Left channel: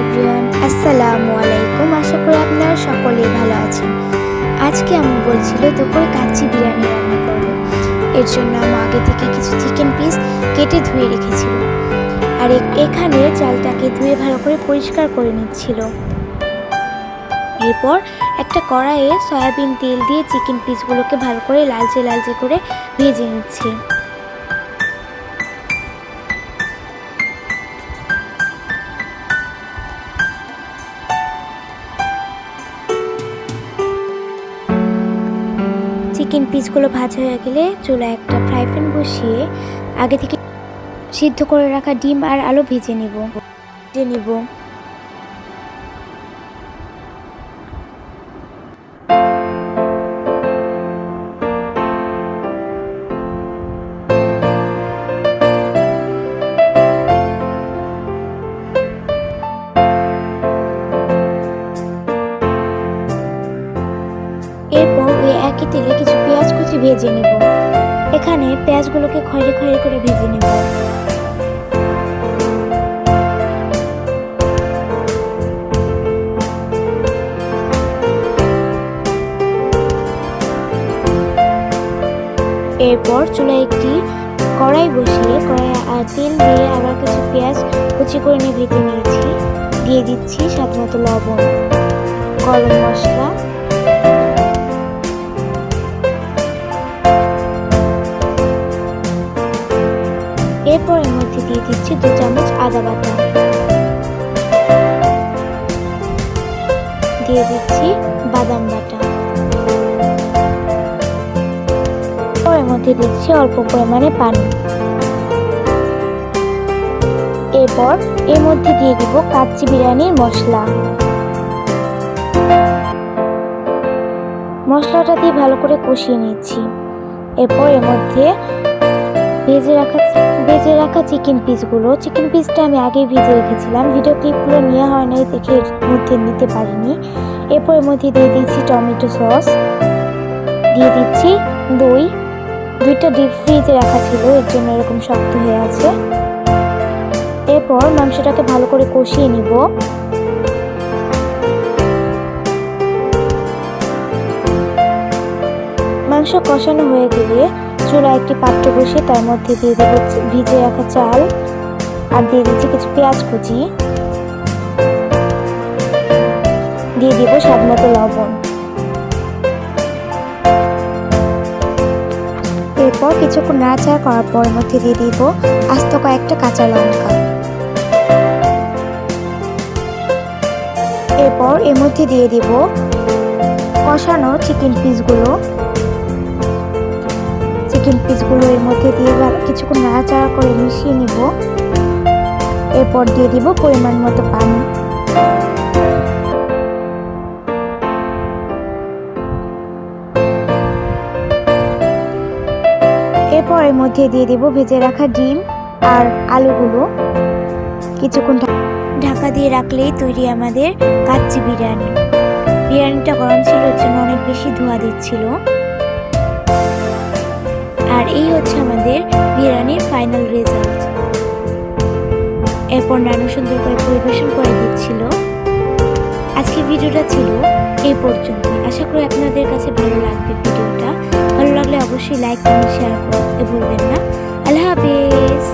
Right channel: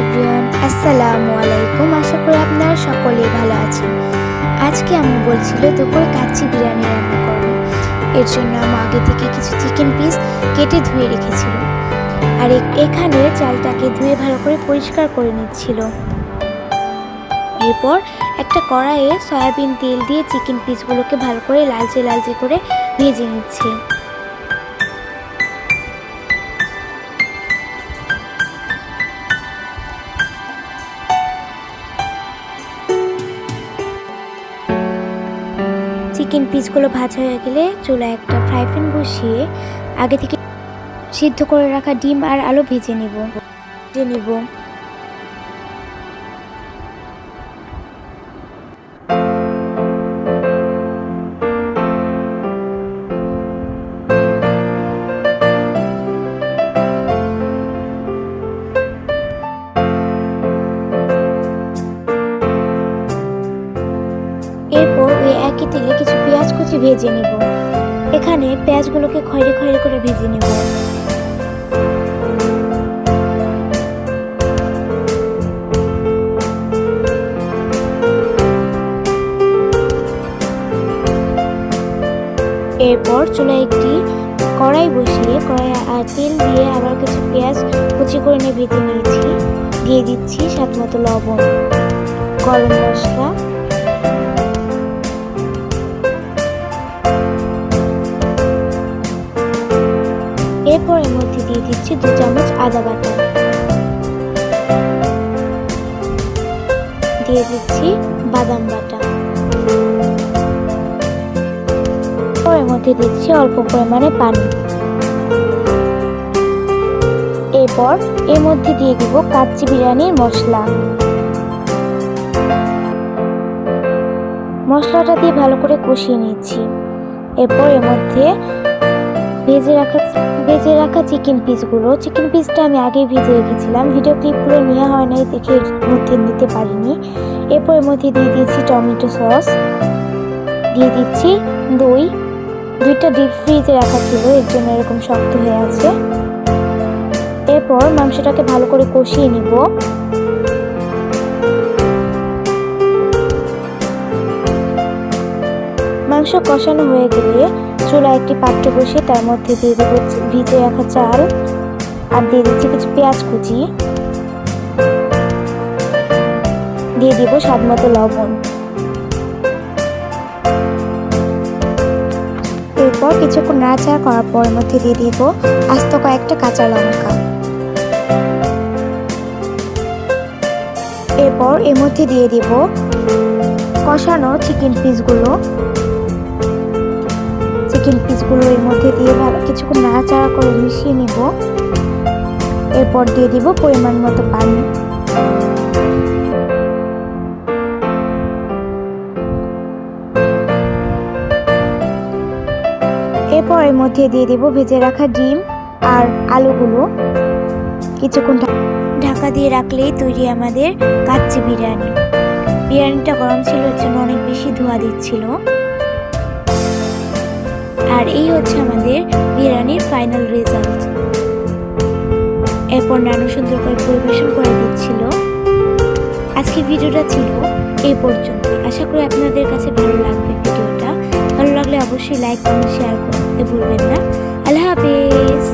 Everyone, আসসালামু আলাইকুম। আশা করি আপনারা সকলেই ভালো আছেন। আজকে আমি বলছিল দুপুরে কাচ্চি বিরিয়ানি রান্না করব। এর জন্য আমি আগে থেকে কিছু চিকেন পিস কেটে ধুয়ে রেখেছিল, আর এখানে চালটাকে ধুয়ে ভালো করে পরিষ্কার করে নিচ্ছিল। এরপর একটা কড়াইয়ে সয়াবিন তেল দিয়ে চিকেন পিসগুলোকে ভালো করে লালচে লালচে করে ভেজে নিচ্ছে। চিকেন পিসগুলো ভাজা হয়ে গেলে চুলায় একটা ফ্রাই প্যান বসিয়ে আগে থেকে সিদ্ধ করে রাখা ডিম আর আলু ভেজে নিব। এরপর ওই একই তেলে কিছু পেঁয়াজ কুচি ভেজে নিব। এখানে পেঁয়াজগুলোকে খয়েরি খয়েরি করে ভেজে নিব। এরপর চুলায় একটি কড়াই বসিয়ে আর তেল দিয়ে আবার কিছু পেঁয়াজ কুচি করে নিয়ে ভেজে নিয়েছি। দিয়ে দিচ্ছি স্বাদ মতো লবণ, গরম মশলা, এরপর এর মধ্যে দিয়ে দিচ্ছি 2 চামচ আদা বাটা, দিয়ে দিচ্ছি বাদাম বাটা, এর মধ্যে দিচ্ছি অল্প পরিমাণে পানি। এরপর এর মধ্যে দিয়ে দিব কাচ্চি বিরিয়ানির মশলাটা দিয়ে ভালো করে কষিয়ে নিচ্ছি। এরপর এর মধ্যে ভেজে রাখা চিকেন পিসটা আমি আগেই ভেজে রেখেছিলাম, ভিডিও ক্লিপগুলো নেওয়া হয় নাই দেখে এর মধ্যে নিতে পারিনি। এরপর এর মধ্যে দিয়ে দিচ্ছি টমেটো সস, দিয়ে দিচ্ছি দুইটা ডিপ ফ্রিজে রাখা ছিল, এর জন্য এরকম শক্ত হয়ে আছে। এরপর মাংসটাকে ভালো করে কষিয়ে নিব। মাংস কষানো হয়ে গেলে চুলায় একটি পাত্র বসিয়ে তার মধ্যে দিয়ে দেবো ভিজে রাখা চাল, আর দিয়ে দিচ্ছি কিছু পেঁয়াজ কুচি, দিয়ে দিব স্বাদ মতো লবণ। এরপর কিছুক্ষণ নাড়াচাড়া করার পর এর মধ্যে দিয়ে দিব আস্ত কয়েকটা কাঁচা লঙ্কা। এরপর এর মধ্যে দিয়ে দিব কষানো চিকেন পিসগুলো এর মধ্যে দিয়ে কিছুক্ষণ নাড়াচাড়া করে মিশিয়ে নিব। এরপর দিয়ে দিব পরিমাণ মতো পানি। এরপর এর মধ্যে দিয়ে দিব ভেজে রাখা ডিম আর আলুগুলো। কিছুক্ষণ ঢাকা দিয়ে রাখলেই তৈরি আমাদের কাচ্চি বিরিয়ানি। বিরিয়ানিটা গরম ছিল, এর জন্য অনেক বেশি ধোঁয়া দিচ্ছিল। আর এই হচ্ছে আমাদের বিরিয়ানির ফাইনাল রেজাল্ট। এরপর নানু সুন্দর করে পরিবেশন করে দিচ্ছিল। আজকে ভিডিওটা ছিল এই পর্যন্তই। আশা করি আপনাদের কাছে ভালো লাগবে ভিডিওটা। ভালো লাগলে অবশ্যই লাইক, কমেন্ট, শেয়ার করতে ভুলবেন না। আল্লাহ হাফেজ।